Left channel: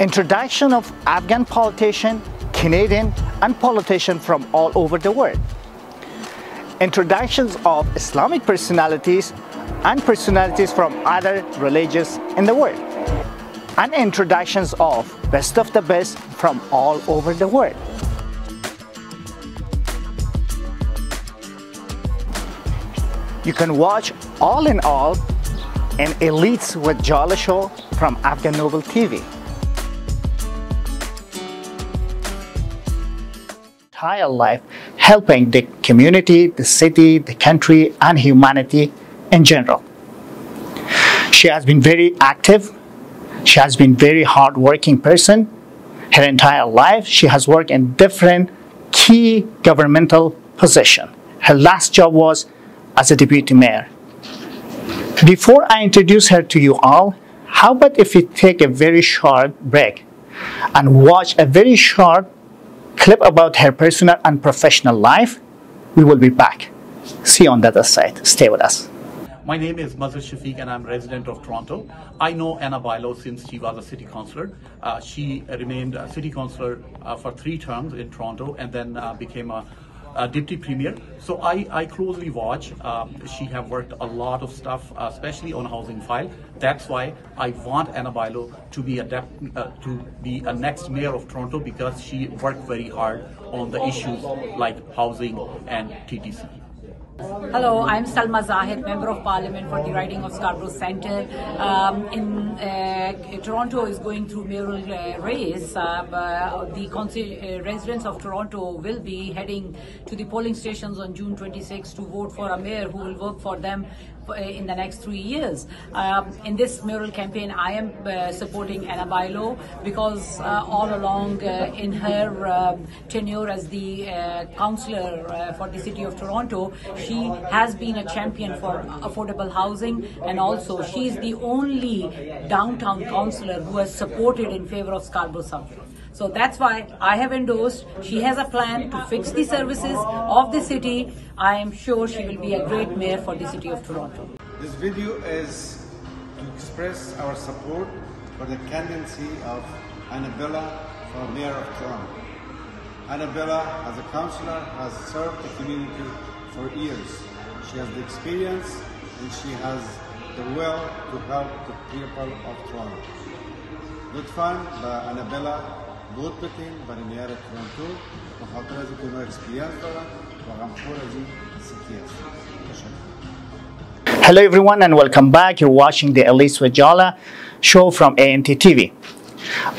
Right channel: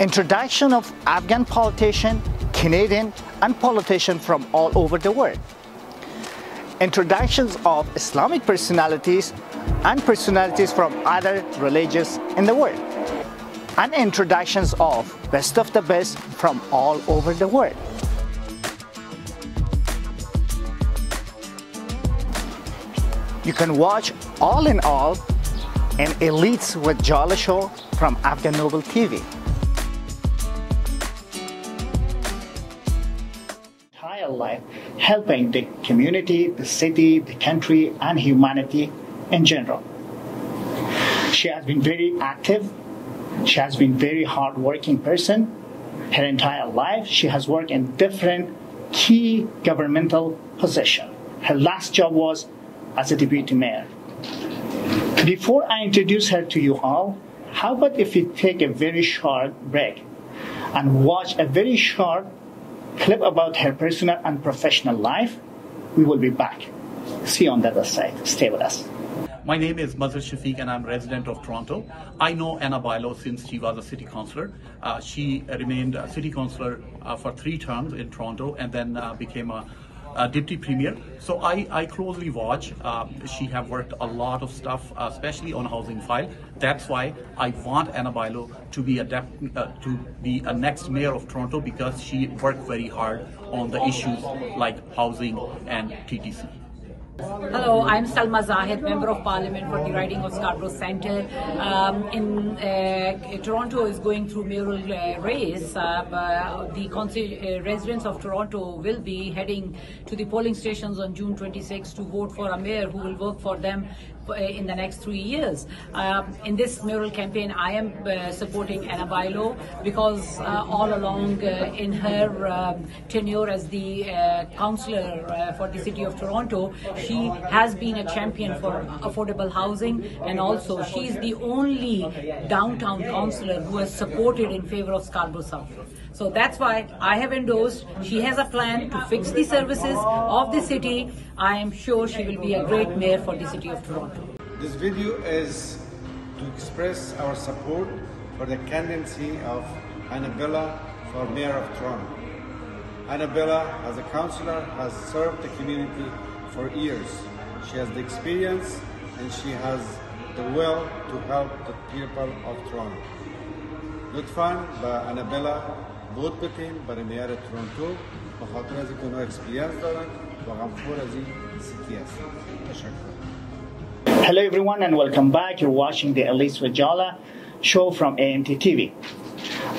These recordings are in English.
Introduction of Afghan politician, Canadian and politicians from all over the world. Introductions of Islamic personalities and personalities from other religions in the world. And introductions of best of the best from all over the world. You can watch all in all an Elites with Jallah show from Afghan Noble TV. Entire life helping the community, the city, the country, and humanity in general. She has been very active. She has been very hard-working person. Her entire life, she has worked in different key governmental positions. Her last job was as a deputy mayor. Before I introduce her to you all, how about if we take a very short break and watch a very short clip about her personal and professional life? We will be back. See you on the other side. Stay with us. My name is Nasir and I'm resident of Toronto. I know Anna Pailao since she was a city councillor. She remained a city councillor for 3 terms in Toronto and then became a deputy premier. So I closely watch. She have worked a lot of stuff, especially on housing file. That's why I want Anna Pailao to be a next mayor of Toronto, because she worked very hard on the issues like housing and TTC. Hello, I'm Salma Zahid, Member of Parliament for the riding of Scarborough Centre. Toronto is going through mayoral race. The residents of Toronto will be heading to the polling stations on June 26 to vote for a mayor who will work for them in the next 3 years. In this mayoral campaign, I am supporting Anna Pailao because all along in her tenure as the councillor for the City of Toronto, she has been a champion for affordable housing, and also she is the only downtown councillor who has supported in favour of Scarborough subway. So that's why I have endorsed. She has a plan to fix the services of the city. I am sure she will be a great mayor for the City of Toronto. This video is to express our support for the candidacy of Annabella for Mayor of Toronto. Annabella, as a councillor, has served the community for years. She has the experience and she has the will to help the people of Toronto. لطفاً بأنابيلا بود بتین برای میار تورنتو به خاطر از اینکه اونها اکسپریانس دارن و غمخور از این سیتی هستن. تشکر. Hello everyone and welcome back. You're watching the Elites with Jallah show from ANT TV.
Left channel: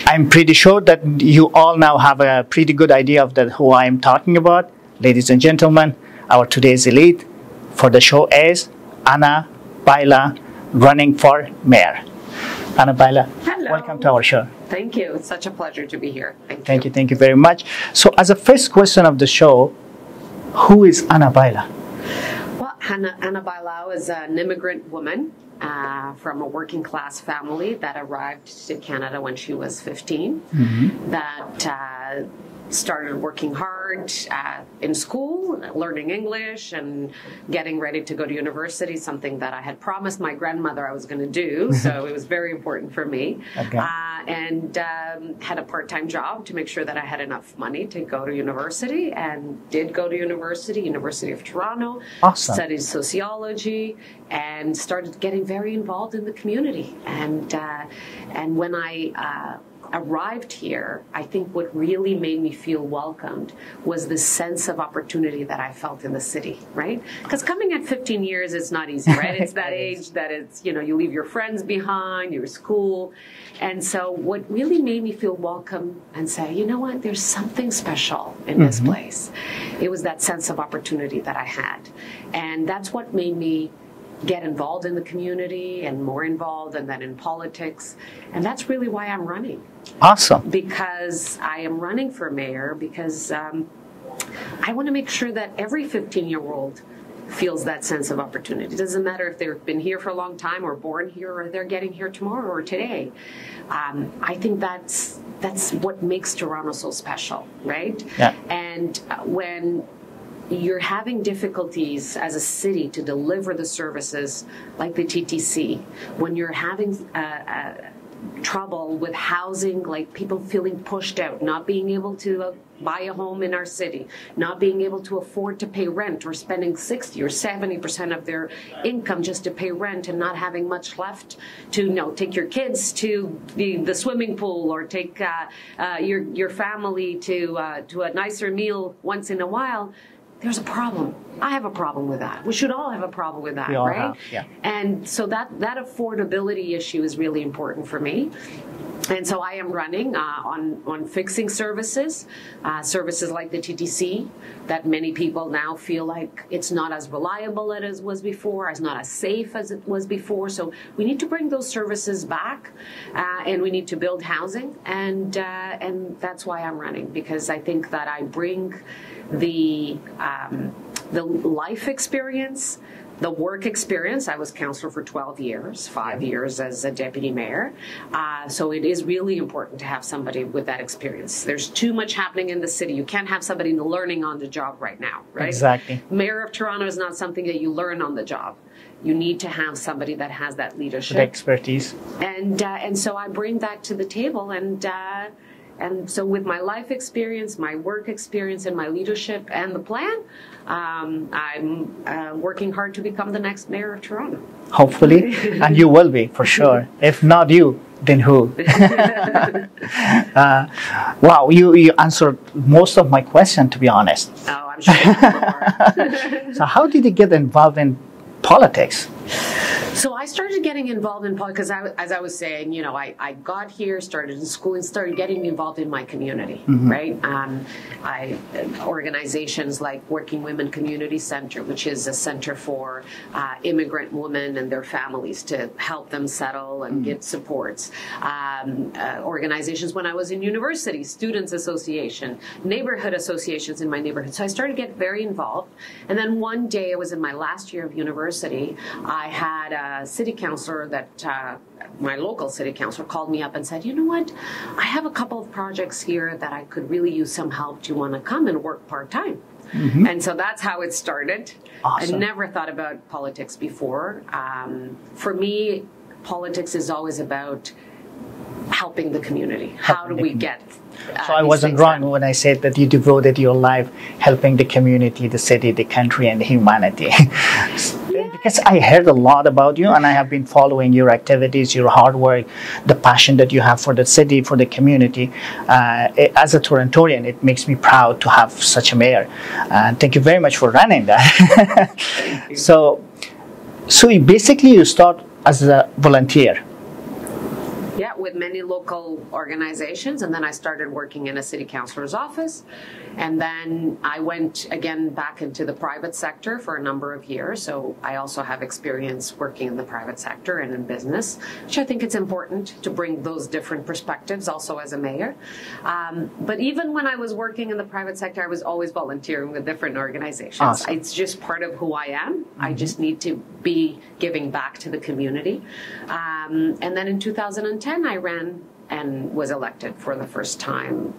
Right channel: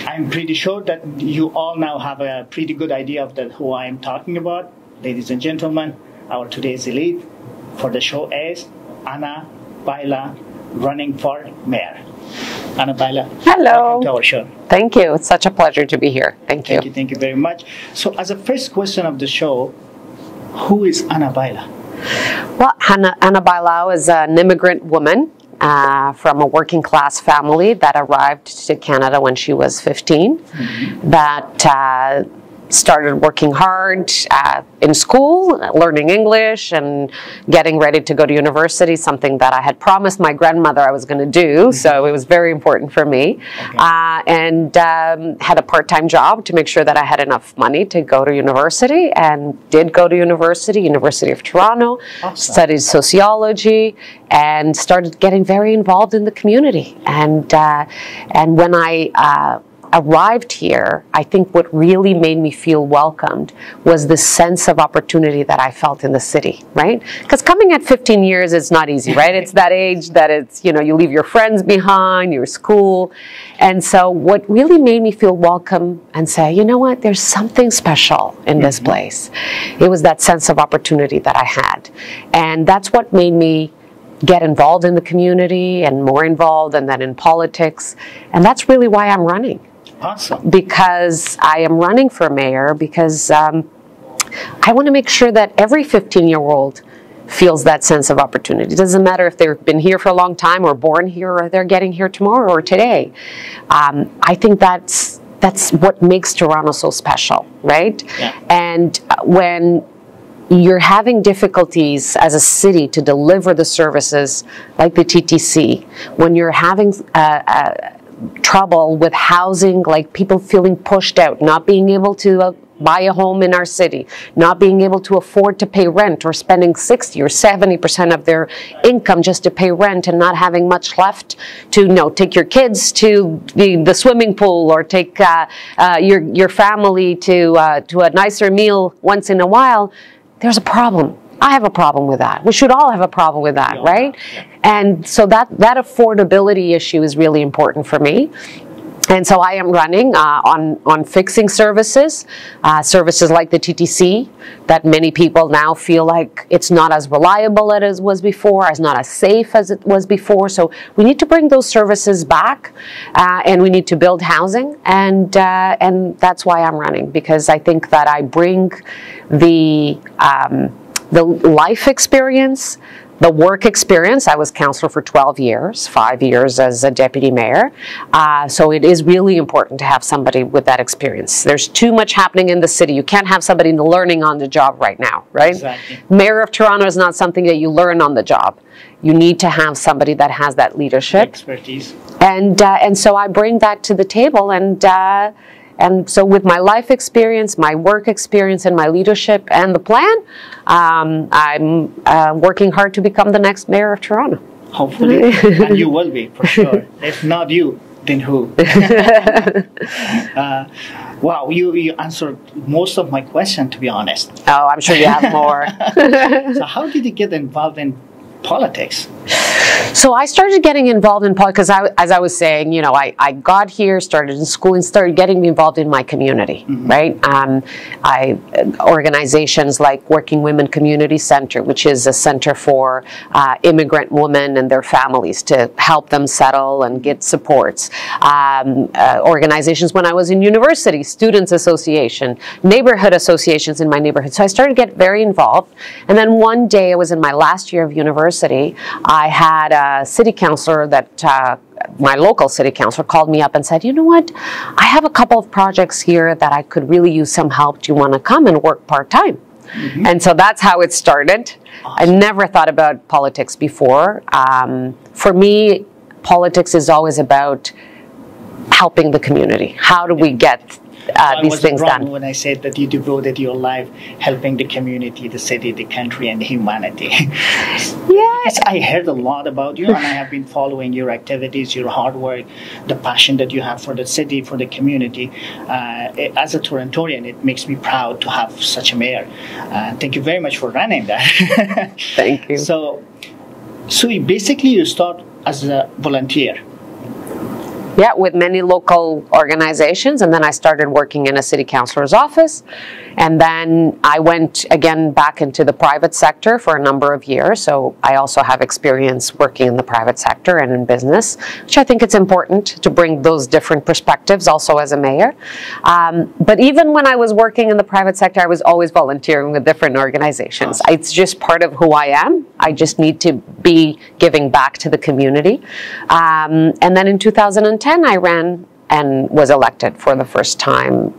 I'm pretty sure that you all now have a pretty good idea of who I am talking about. Ladies and gentlemen, our today's elite for the show is Anna Pailao, running for mayor. Anna Pailao, hello. Welcome to our show. Thank you. It's such a pleasure to be here. Thank you. Thank you very much. So as a first question of the show, who is Anna Pailao? Well, Anna Pailao is an immigrant woman from a working class family that arrived to Canada when she was 15, that started working hard in school, learning English and getting ready to go to university, something that I had promised my grandmother I was going to do, so it was very important for me. Okay. And had a part-time job to make sure that I had enough money to go to university, and did go to university, University of Toronto, awesome. Studied sociology, and started getting very involved in the community. And when I arrived here, I think what really made me feel welcomed was the sense of opportunity that I felt in the city, right? Because coming at 15 years, it's not easy, right? It's that age that it's, you know, you leave your friends behind, your school. And so what really made me feel welcome and say, you know what, there's something special in this place. It was that sense of opportunity that I had. And that's what made me get involved in the community and more involved, and then in politics. And that's really why I'm running. Awesome. Because I am running for mayor because I want to make sure that every 15-year-old feels that sense of opportunity. It doesn't matter if they've been here for a long time or born here or they're getting here tomorrow or today. I think that's what makes Toronto so special, right? Yeah. And when you're having difficulties as a city to deliver the services like the TTC, when you're having trouble with housing, like people feeling pushed out, not being able to buy a home in our city, not being able to afford to pay rent, or spending 60 or 70% of their income just to pay rent, and not having much left to, take your kids to the swimming pool, or take your family to a nicer meal once in a while. There's a problem. I have a problem with that. We should all have a problem with that, right? Yeah. And so that affordability issue is really important for me. And so I am running on fixing services like the TTC, that many people now feel like it's not as reliable as it was before, as not as safe as it was before. So we need to bring those services back, and we need to build housing, and that's why I'm running, because I think that I bring the life experience, the work experience. I was councillor for 12 years, 5 years as a deputy mayor. So it is really important to have somebody with that experience. There's too much happening in the city. You can't have somebody learning on the job right now, right? Exactly. Mayor of Toronto is not something that you learn on the job. You need to have somebody that has that leadership. The expertise. And so I bring that to the table, and so with my life experience, my work experience, and my leadership and the plan, I'm working hard to become the next mayor of Toronto. Hopefully, and you will be, for sure. If not you, then who? Wow, you answered most of my question, to be honest. Oh, I'm sure you have more. So how did you get involved in politics? So I started getting involved in politics because, as I was saying, I got here, started in school, and started getting involved in my community, right? Organizations like Working Women Community Center, which is a center for immigrant women and their families to help them settle and get supports. Organizations when I was in university, Students Association, neighborhood associations in my neighborhood. So I started to get very involved. And then one day, I was in my last year of university, I had a city councilor my local city councilor called me up and said, you know what, I have a couple of projects here that I could really use some help. Do you want to come and work part-time? And so that's how it started. Awesome. I never thought about politics before. For me, politics is always about helping the community. How do we get I these wasn't things wrong done? when I said that you devoted your life helping the community, the city, the country, and humanity. Yeah. Because I heard a lot about you, and I have been following your activities, your hard work, the passion that you have for the city, for the community. As a Torontonian, it makes me proud to have such a mayor. Thank you very much for running that. Thank you. So you start as a volunteer. Yeah, with many local organizations, and then I started working in a city councilor's office, and then I went again back into the private sector for a number of years. So I also have experience working in the private sector and in business, which I think it's important to bring those different perspectives also as a mayor. But even when I was working in the private sector, I was always volunteering with different organizations. Awesome. It's just part of who I am. I just need to be giving back to the community. And then in 2010, I ran and was elected for the first time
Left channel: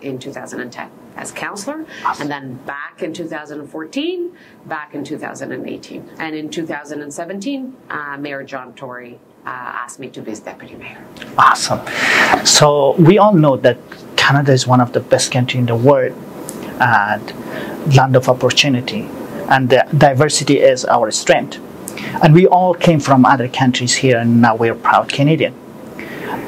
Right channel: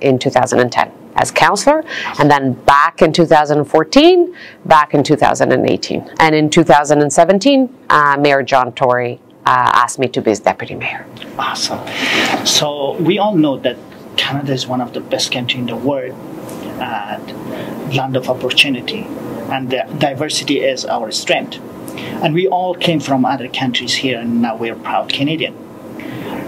in 2010 as councillor, and then back in 2014, back in 2018. And in 2017, Mayor John Tory asked me to be his deputy mayor. Awesome. So we all know that Canada is one of the best countries in the world and land of opportunity, and the diversity is our strength. And we all came from other countries here, and now we're proud Canadian.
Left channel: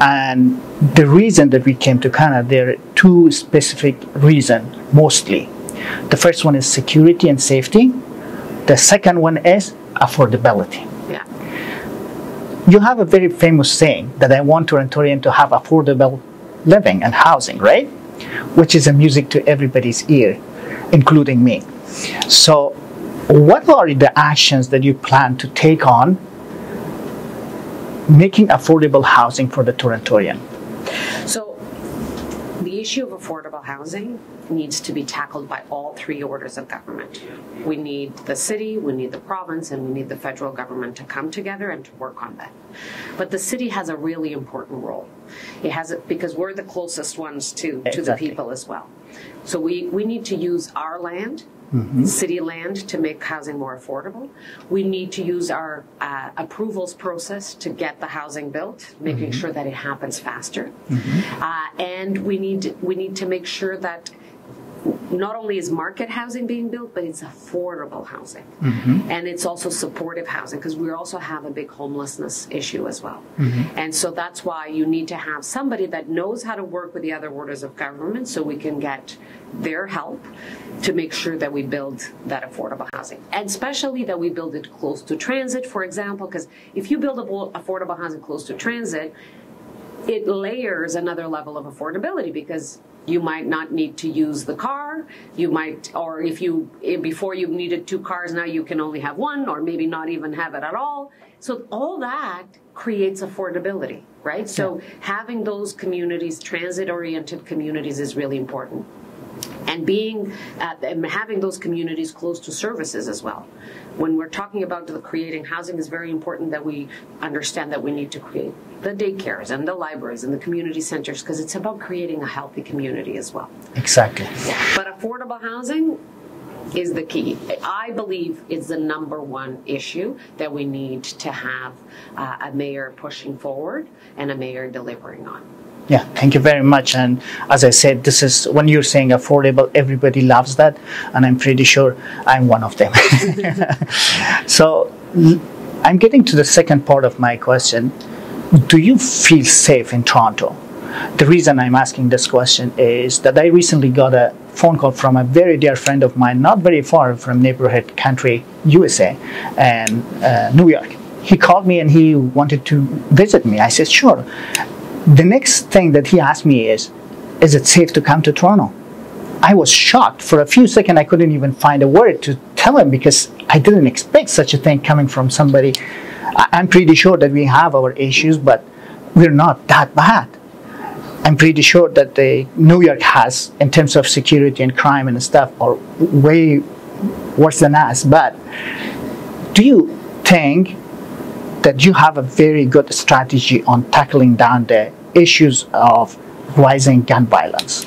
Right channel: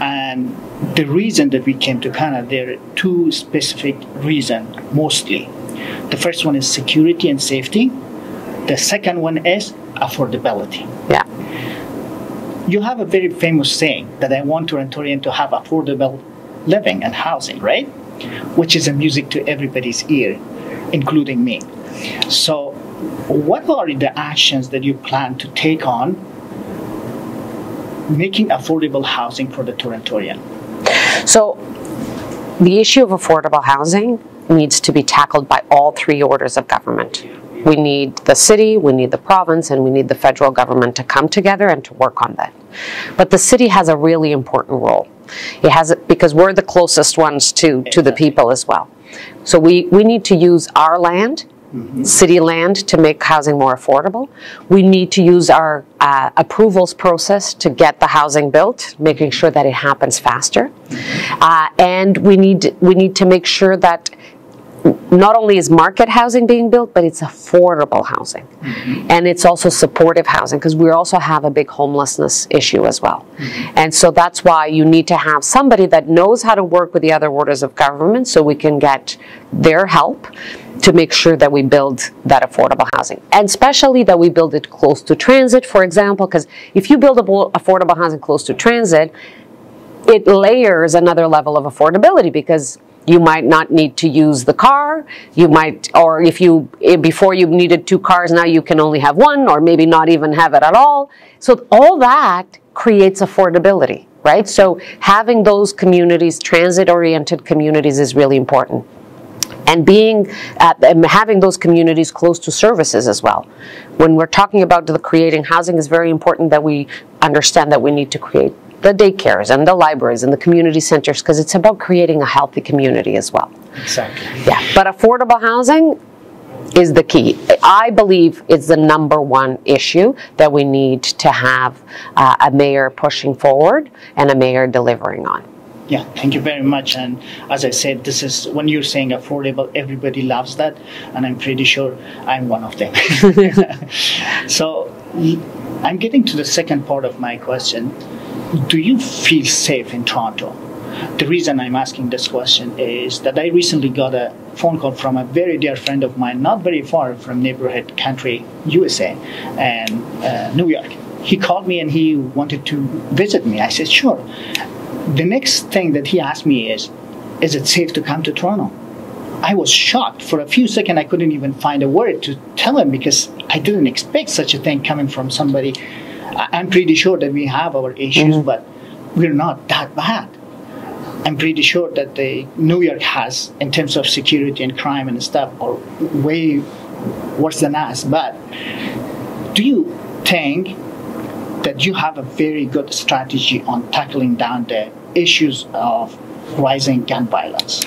And the reason that we came to Canada, there are two specific reasons, mostly. The first one is security and safety. The second one is affordability. Yeah. You have a very famous saying that I want Torontonian to have affordable living and housing, right? Which is a music to everybody's ear, including me. So what are the actions that you plan to take on making affordable housing for the Torontonian? So the issue of affordable housing needs to be tackled by all three orders of government. We need the city, we need the province, and we need the federal government to come together and to work on that. But the city has a really important role. It has, because we're the closest ones to the people as well. So we need to use our land city land to make housing more affordable. We need to use our approvals process to get the housing built, making sure that it happens faster. And we need to make sure that not only is market housing being built, but it's affordable housing. And it's also supportive housing, because we also have a big homelessness issue as well. And so that's why you need to have somebody that knows how to work with the other orders of government, so we can get their help to make sure that we build that affordable housing. And especially that we build it close to transit, for example, because if you build affordable housing close to transit, it layers another level of affordability, because you might not need to use the car, you might, or before you needed 2 cars, now you can only have 1, or maybe not even have it at all. So all that creates affordability, right? So having those communities, transit-oriented communities, is really important. And having those communities close to services as well. When we're talking about creating housing, it's very important that we understand that we need to create the daycares and the libraries and the community centers, because it's about creating a healthy community as well. Exactly. Yeah, but affordable housing is the key. I believe it's the #1 issue that we need to have a mayor pushing forward and a mayor delivering on. Yeah, thank you very much. And as I said, this is, when you're saying affordable, everybody loves that, and I'm pretty sure I'm one of them. So I'm getting to the second part of my question. Do you feel safe in Toronto? The reason I'm asking this question is that I recently got a phone call from a very dear friend of mine, not very far from neighborhood country, USA, and New York. He called me and he wanted to visit me. I said, sure. The next thing that he asked me is it safe to come to Toronto? I was shocked. For a few seconds, I couldn't even find a word to tell him, because I didn't expect such a thing coming from somebody. I'm pretty sure that we have our issues, but we're not that bad. I'm pretty sure that New York has, in terms of security and crime and stuff, are way worse than us. But do you think that you have a very good strategy on tackling down the issues of rising gun violence?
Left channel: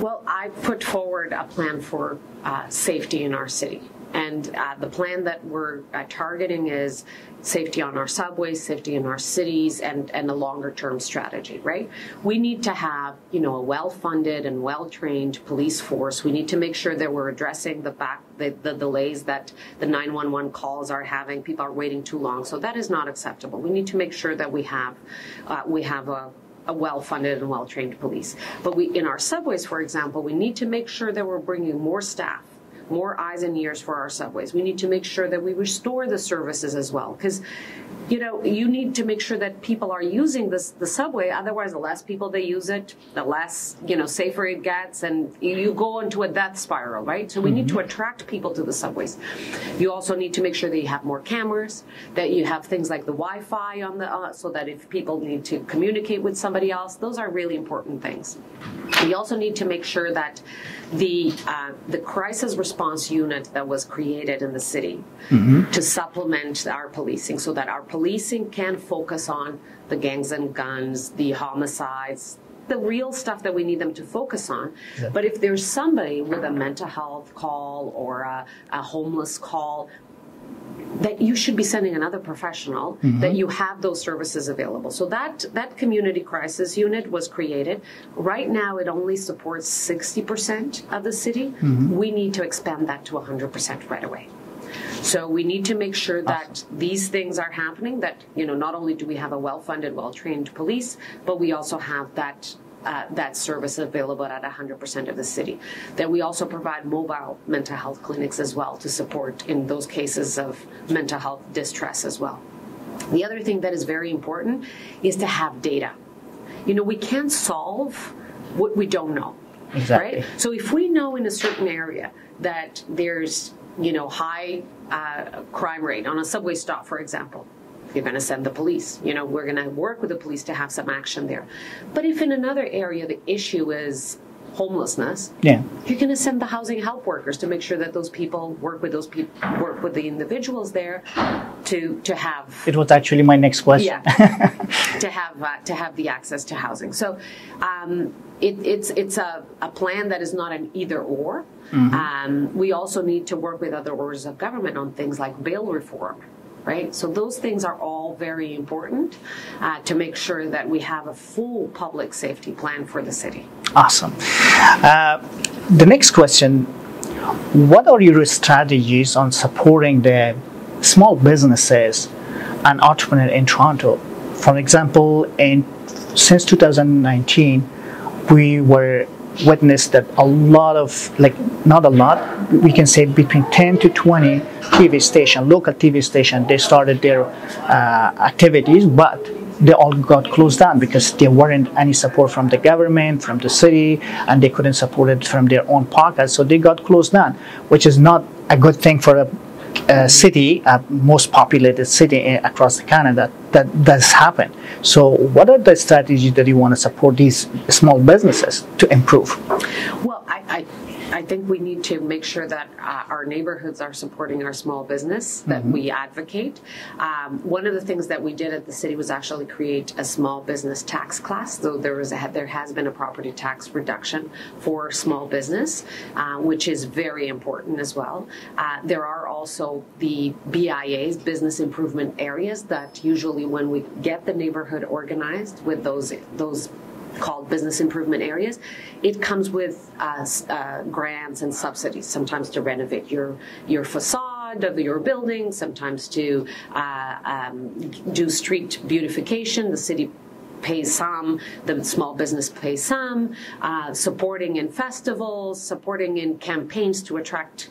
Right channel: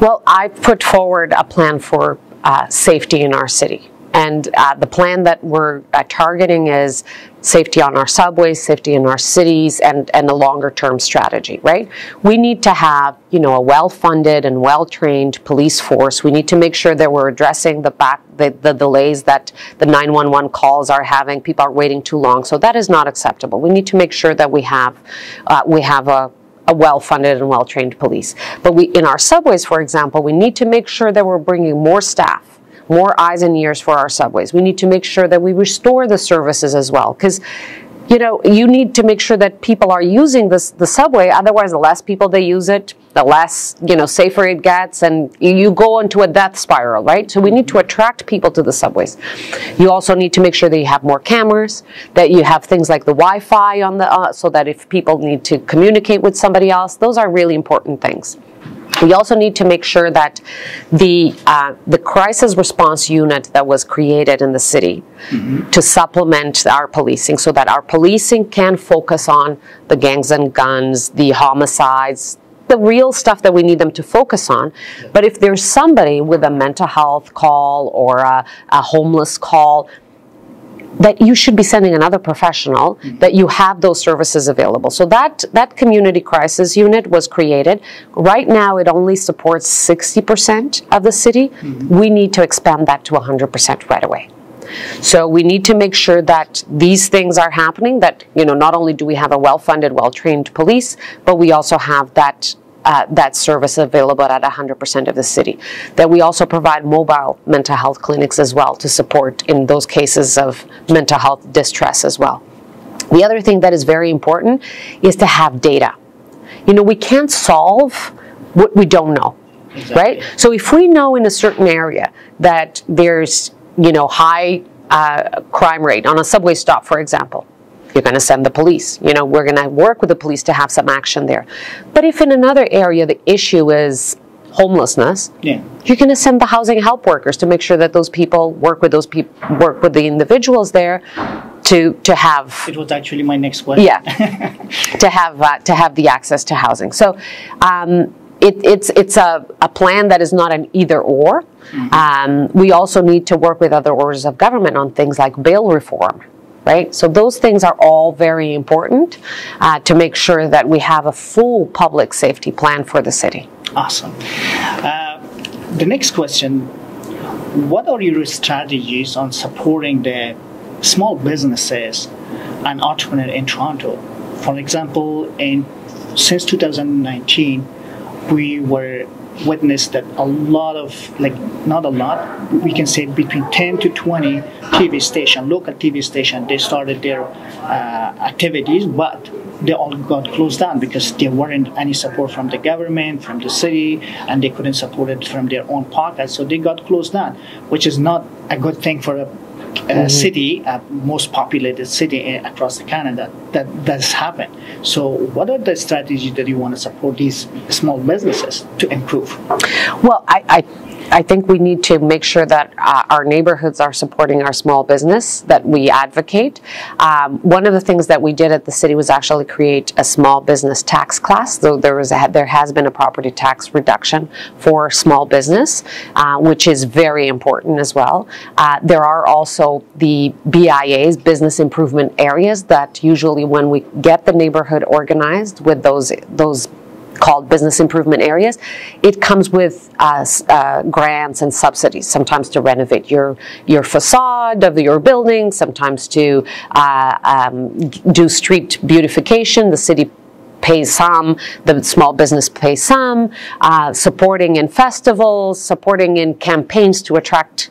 Well, I put forward a plan for safety in our city. And the plan that we're targeting is safety on our subways, safety in our cities, and a longer-term strategy, right? We need to have, a well-funded and well-trained police force. We need to make sure that we're addressing the delays that the 911 calls are having. People are waiting too long, so that is not acceptable. We need to make sure that we have a well-funded and well-trained police. But in our subways, for example, we need to make sure that we're bringing more staff, more eyes and ears for our subways. We need to make sure that we restore the services as well, because you need to make sure that people are using the subway. Otherwise, the less people they use it, the less safer it gets, and you go into a death spiral, right? So we need to attract people to the subways. You also need to make sure that you have more cameras, that you have things like the Wi-Fi on so that if people need to communicate with somebody else, those are really important things. We also need to make sure that the crisis response unit that was created in the city to supplement our policing, so that our policing can focus on the gangs and guns, the homicides, the real stuff that we need them to focus on. Yeah. But if there's somebody with a mental health call or a homeless call, that you should be sending another professional, that you have those services available. So that community crisis unit was created. Right now, it only supports 60% of the city. We need to expand that to 100% right away. So we need to make sure that these things are happening, that not only do we have a well-funded, well-trained police, but we also have that service available at 100% of the city. That we also provide mobile mental health clinics as well to support in those cases of mental health distress as well. The other thing that is very important is to have data. We can't solve what we don't know, right? So if we know in a certain area that there's, high crime rate on a subway stop, for example, you're going to send the police. We're going to work with the police to have some action there. But if in another area the issue is homelessness, you're going to send the housing help workers to make sure that those people work with the individuals there to have. It was actually my next question. Yeah, to have the access to housing. So it's a plan that is not an either or. We also need to work with other orders of government on things like bail reform, right? So those things are all very important to make sure that we have a full public safety plan for the city. Awesome. The next question, what are your strategies on supporting the small businesses and entrepreneurs in Toronto? For example, since 2019, we were witnessed that a lot of, not a lot, we can say between 10 to 20 TV station, local TV station, they started their activities, but they all got closed down because there weren't any support from the government, from the city, and they couldn't support it from their own pockets, so they got closed down, which is not a good thing for a city, a most populated city across Canada. That does happen. So what are the strategies that you want to support these small businesses to improve? Well, I think we need to make sure that our neighborhoods are supporting our small business, that we advocate. One of the things that we did at the city was actually create a small business tax class. So there has been a property tax reduction for small business, which is very important as well. There are also the BIAs, business improvement areas, that usually when we get the neighborhood organized with those called business improvement areas, it comes with grants and subsidies, sometimes to renovate your facade of your building, sometimes to do street beautification. The city pays some, the small business pays some, supporting in festivals, supporting in campaigns to attract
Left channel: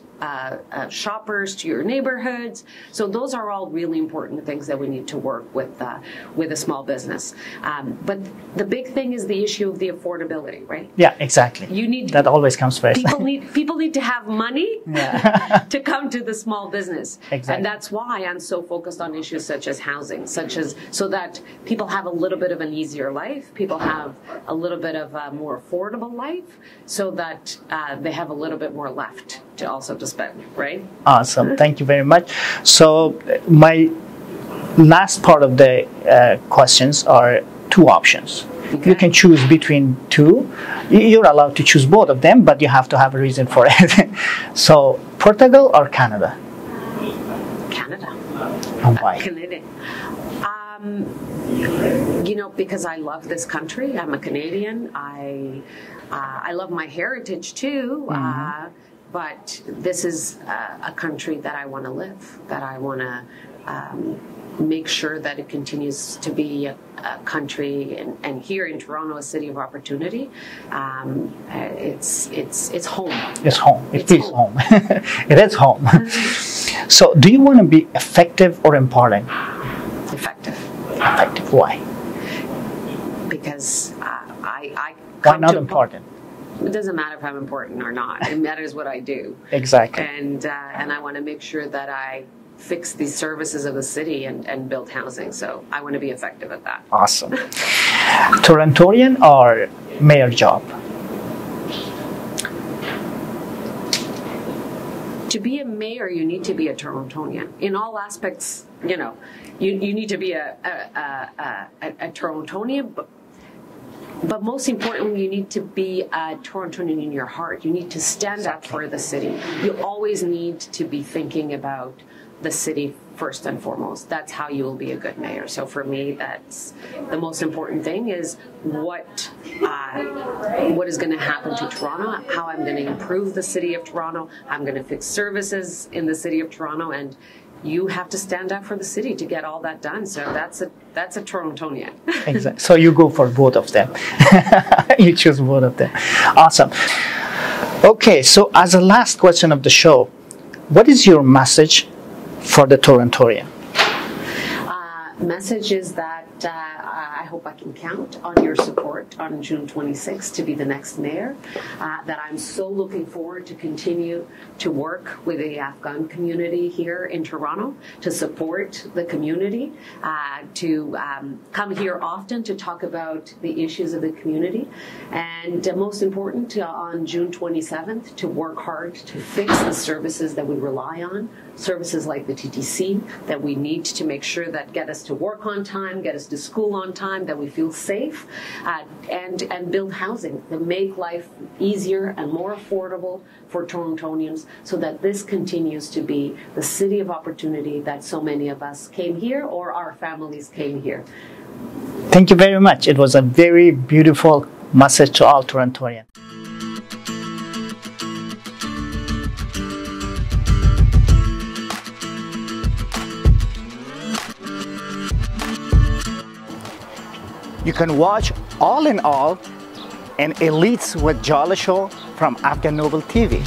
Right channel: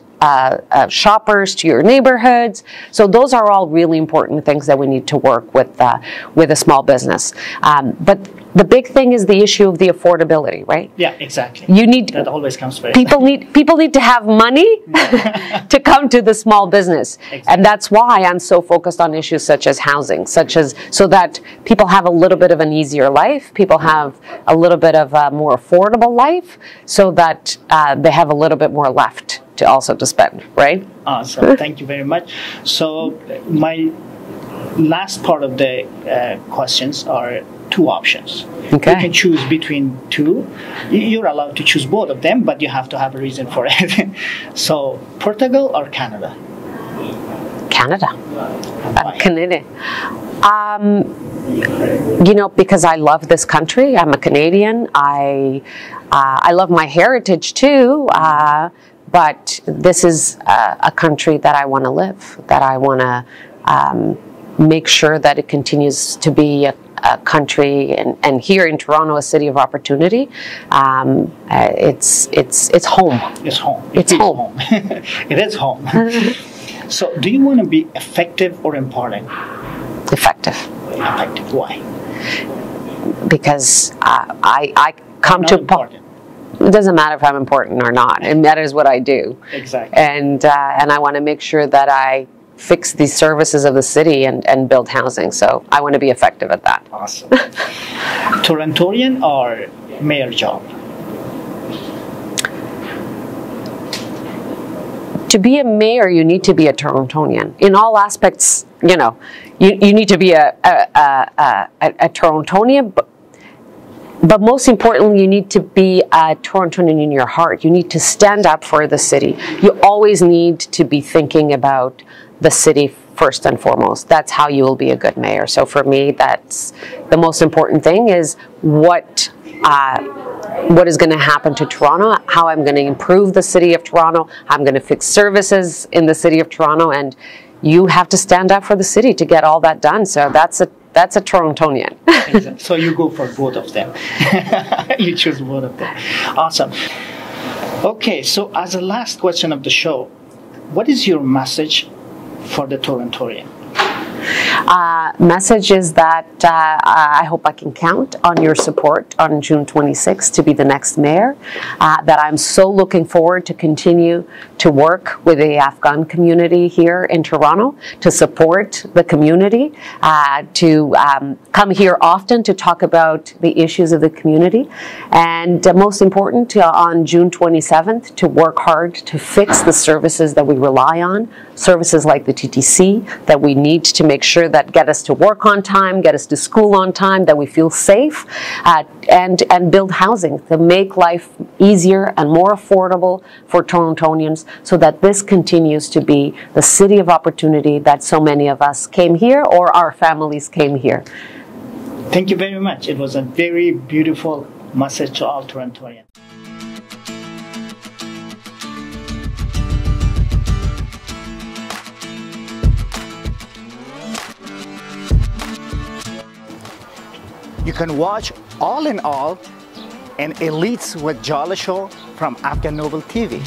shoppers to your neighborhoods. So those are all really important things that we need to work with a small business. But the big thing is the issue of the affordability, right? Yeah, exactly. That always comes first. People need to have money to come to the small business. Exactly. And that's why I'm so focused on issues such as housing, so that people have a little bit of an easier life, people have a little bit of a more affordable life, so that they have a little bit more left to spend, right? Awesome. Thank you very much. So my last part of the questions are two options. Okay. You can choose between two. You're allowed to choose both of them, but you have to have a reason for it. So Portugal or Canada? Canada. Why? Canada. Because I love this country. I'm a Canadian. I love my heritage too. But this is a country that I want to live, that I want to make sure that it continues to be a country, and here in Toronto, a city of opportunity. It's home. It's home. It's home. It is home. So, do you want to be effective or empowering? Effective. Effective. Why? Because I come to important. It doesn't matter if I'm important or not. It matters what I do. Exactly. And I want to make sure that I fix the services of the city and build housing. So I want to be effective at that. Awesome. Torontonian or mayor job? To be a mayor, you need to be a Torontonian. In all aspects, you need to be a Torontonian, but most importantly, you need to be a Torontonian in your heart. You need to stand up for the city. You always need to be thinking about the city first and foremost. That's how you will be a good mayor. So for me, that's the most important thing, is what is going to happen to Toronto, how I'm going to improve the city of Toronto, how I'm going to fix services in the city of Toronto, and you have to stand up for the city to get all that done. So that's a Torontonian. Exactly. So you go for both of them. You choose both of them. Awesome. Okay, so as a last question of the show, what is your message for the Torontonian? Message is that I hope I can count on your support on June 26th to be the next mayor, that I'm so looking forward to continue to work with the Afghan community here in Toronto, to support the community, to come here often to talk about the issues of the community, and most important, on June 27th, to work hard to fix the services that we rely on services like the TTC that we need to make sure that get us to work on time, get us to school on time, that we feel safe, and build housing to make life easier and more affordable for Torontonians so that this continues to be the city of opportunity that so many of us came here or our families came here. Thank you very much. It was a very beautiful message to all Torontonians. You can watch All in All, an Elites with Jallah show from Afghan Noble TV.